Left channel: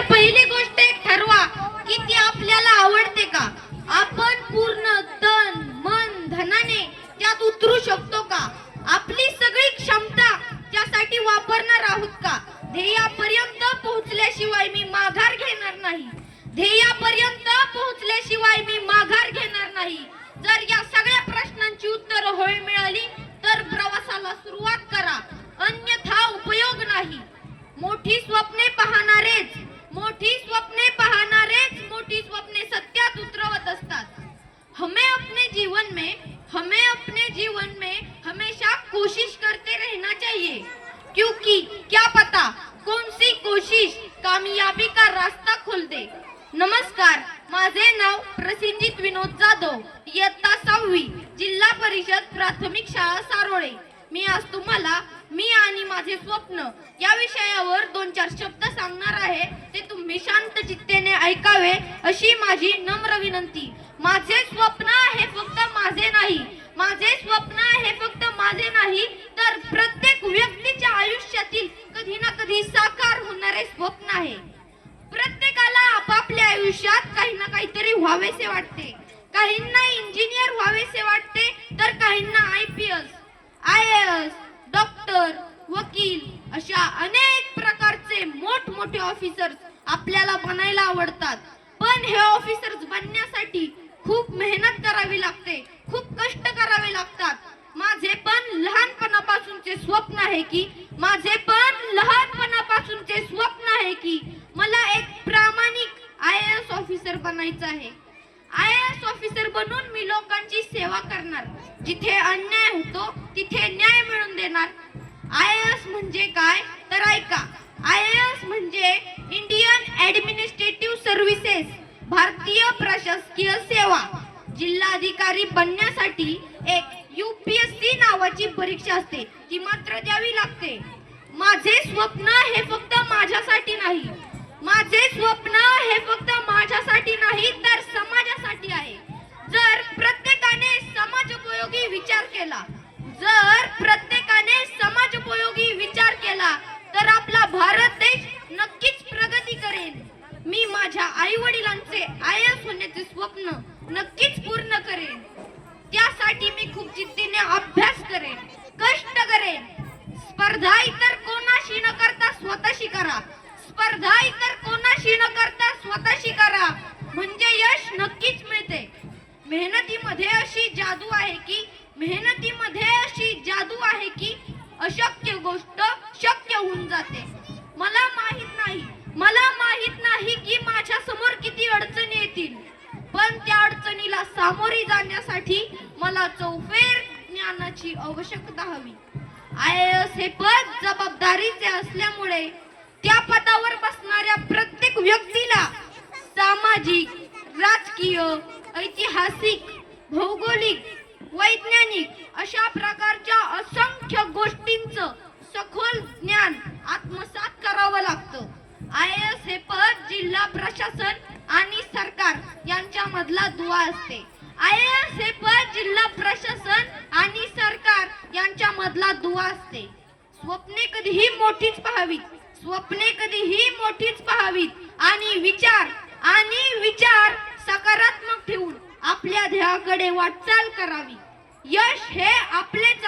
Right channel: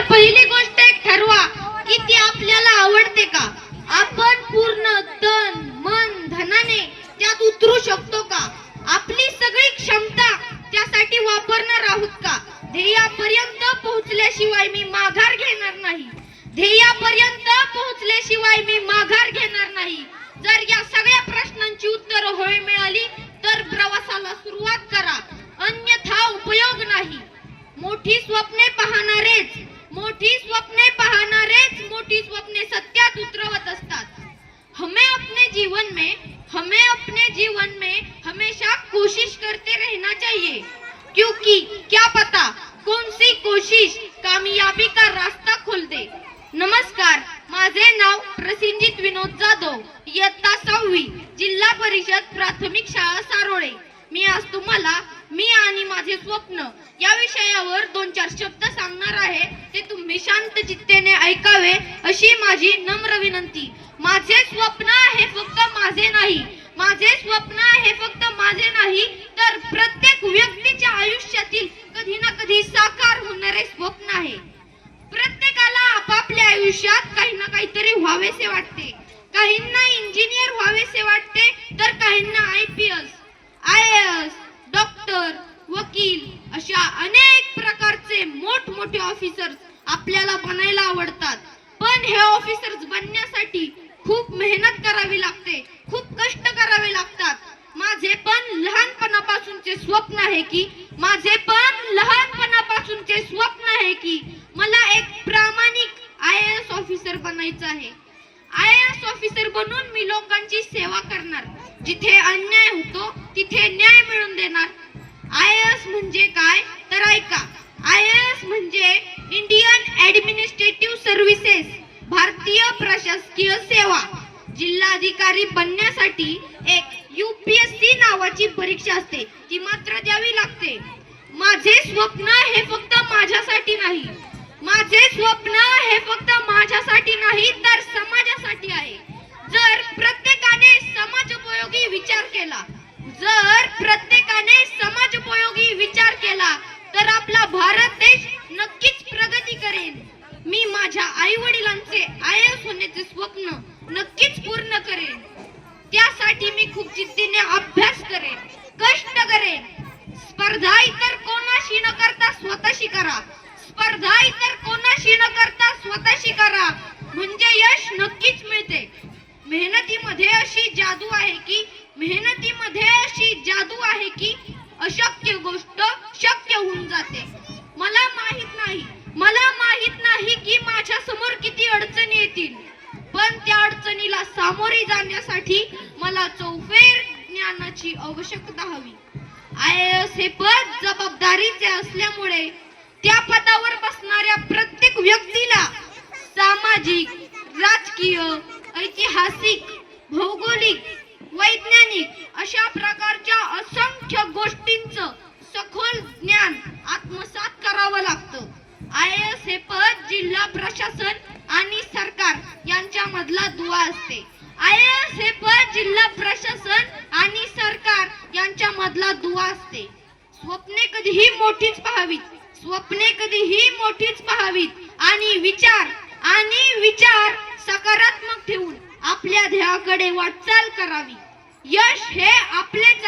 तर पहिली गोष्ट एक ठरवा की ती आपल्याला आवडते का. आपण पूर्ण तन मन धनाने त्यात उतरू शकतो का. आपली सगळी क्षमता त्यासाठी वापरणार आहोत का. ध्येयापर्यंत पोहोचल्याशिवाय मी माघार घेणार नाही. ध्येयापर्यंत पोहोचल्याशिवाय मी माघार घेणार नाही. जर या सगळ्या प्रश्नांची उत्तरं होय मिळाली तर प्रवासाला सुरुवात करा, अन्यथा उपयोग नाही. मोठी स्वप्ने पाहणारेच मोठी स्वप्ने सत्यात उतरवत असतात. हमें अपने जीवन में हमेशा कोशिश करते रहना चाहिए, क्योंकि क्या पता कौन सी कोशिश कामयाबी का रास्ता खोल दे. नमस्कार, माझे नाव प्रसिंजित विनोद जाधव, इयत्ता 6वी, जिल्हा परिषद प्राथमिक शाळा सारोळे. मी आज तुम्हाला मी आणि माझे स्वप्न या विषयावर 2-4 शब्द सांगणार आहे. ते तुम्ही शांत चित्तेने ऐकावे अशी माझी नम्र विनंती. माझे स्वप्न हे फक्त माझे नाही तर प्रत्येक व्यक्तीच्या आयुष्यातील कधी ना कधी साकार होणारे स्वप्न आहे. प्रत्येकाला आपापल्या आयुष्यात काही ना काहीतरी व्हावेसे वाटते. काहींना इंजिनियर व्हावेसे वाटते तर काहींना IAS, डॉक्टर, वकील अशा अनेक प्रकारचे मोठमोठे ऑफिसर्स आपल्याला बनायला आवडतात. पण हे ऑफिसर्स बनण्यासाठी खूप मेहनत करावी लागते, खूप कष्ट करावे लागतात. माझे पण लहानपणापासूनचे स्वप्न आहे की मला एक प्रामाणिक IAS ऑफिसर बनायचं आहे. IAS ऑफिसर बनून मी लोकांची सेवा करणार. जिथे अन्याय होतो तिथे न्याय मिळवून देणार. IAS म्हणजे काय तर ऐका. IAS म्हणजे इंडियन ऍडमिनिस्ट्रेटिव्ह सर्व्हिसेस, भारतीय प्रशासकीय सेवा. जिल्हाधिकारी बनण्यासाठी एक UPSC नावाची परीक्षा असते, ती मात्र द्यावी लागते. माझे स्वप्न हे फक्त माझ्यासाठी नाही तर समाजासाठी आहे. जर प्रत्येकाने समाजोपयोगी विचार केला तर आपला भारत देश नक्कीच प्रगती करेल. मी माझ्या आई वडिलांचे IAS होण्याचे स्वप्न नक्कीच पूर्ण करेन. त्यासाठी मी खूप जिद्दीने अभ्यास करेन, कष्ट करेन. स्पर्धा इतर कोणाशी न करता स्वतःशी करा म्हणजे यश नक्कीच मिळते. मेहनतीमध्ये अशी जादू आहे की अशक्य गोष्ट शक्य होऊन जाते. मला माहित नाही की माझ्या समोर किती अडचणी येतील, पण त्या अडचणीला सामोरे जाण्यासाठी मला चौफेर ज्ञानाची आवश्यकता हवी. IAS हे पद जबाबदारीचे असल्यामुळे त्या पदावर बसणाऱ्या प्रत्येक व्यक्तीला सामाजिक, राजकीय, ऐतिहासिक, भौगोलिक, वैज्ञानिक अशा प्रकारच्या असंख्य गोष्टींचं सखोल ज्ञान आत्मसात करावं लागतं. IAS हे पद जिल्हा प्रशासन आणि सरकार यांच्यामधला दुवा असते. IAS हे पद जिल्हा प्रशासन आणि सरकार यांच्यामधला दुवा असते. स्वप्ने कधीही मोठीच पाहावीत आणि विचार सकारात्मक ठेवून आपल्या ध्येयाकडे वाटचाल करावी. यश हे आपलेच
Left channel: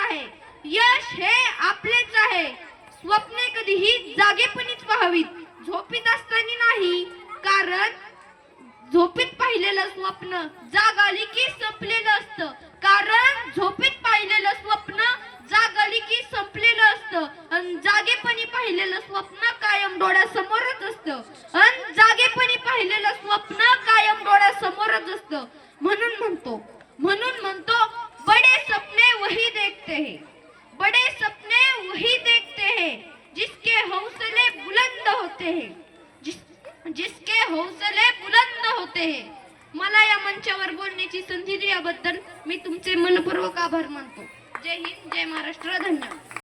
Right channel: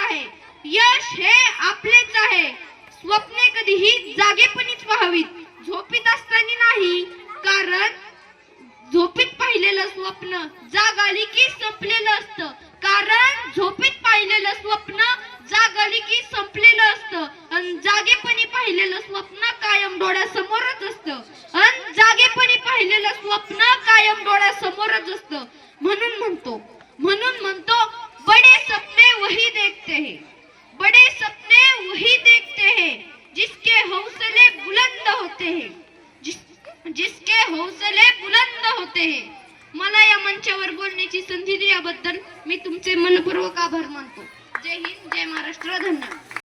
आहे. स्वप्ने कधीही जागेपणीच पाहावीत, झोपीत असताना नाही. कारण झोपीत पाहिलेलं स्वप्न जाग आली की संपलेलं असतं. आणि जागेपणी पाहिलेलं स्वप्न कायम डोळ्यासमोरच असतं. म्हणून म्हणतो बड़े सपने वही देखते हैं जिसके हौसले बुलंद होते हैं. मला या मंचावर बोलण्याची संधी दिल्याबद्दल मी तुमचे मनपूर्वक आभार मानतो. जय हिंद, जय महाराष्ट्र, धन्यवाद.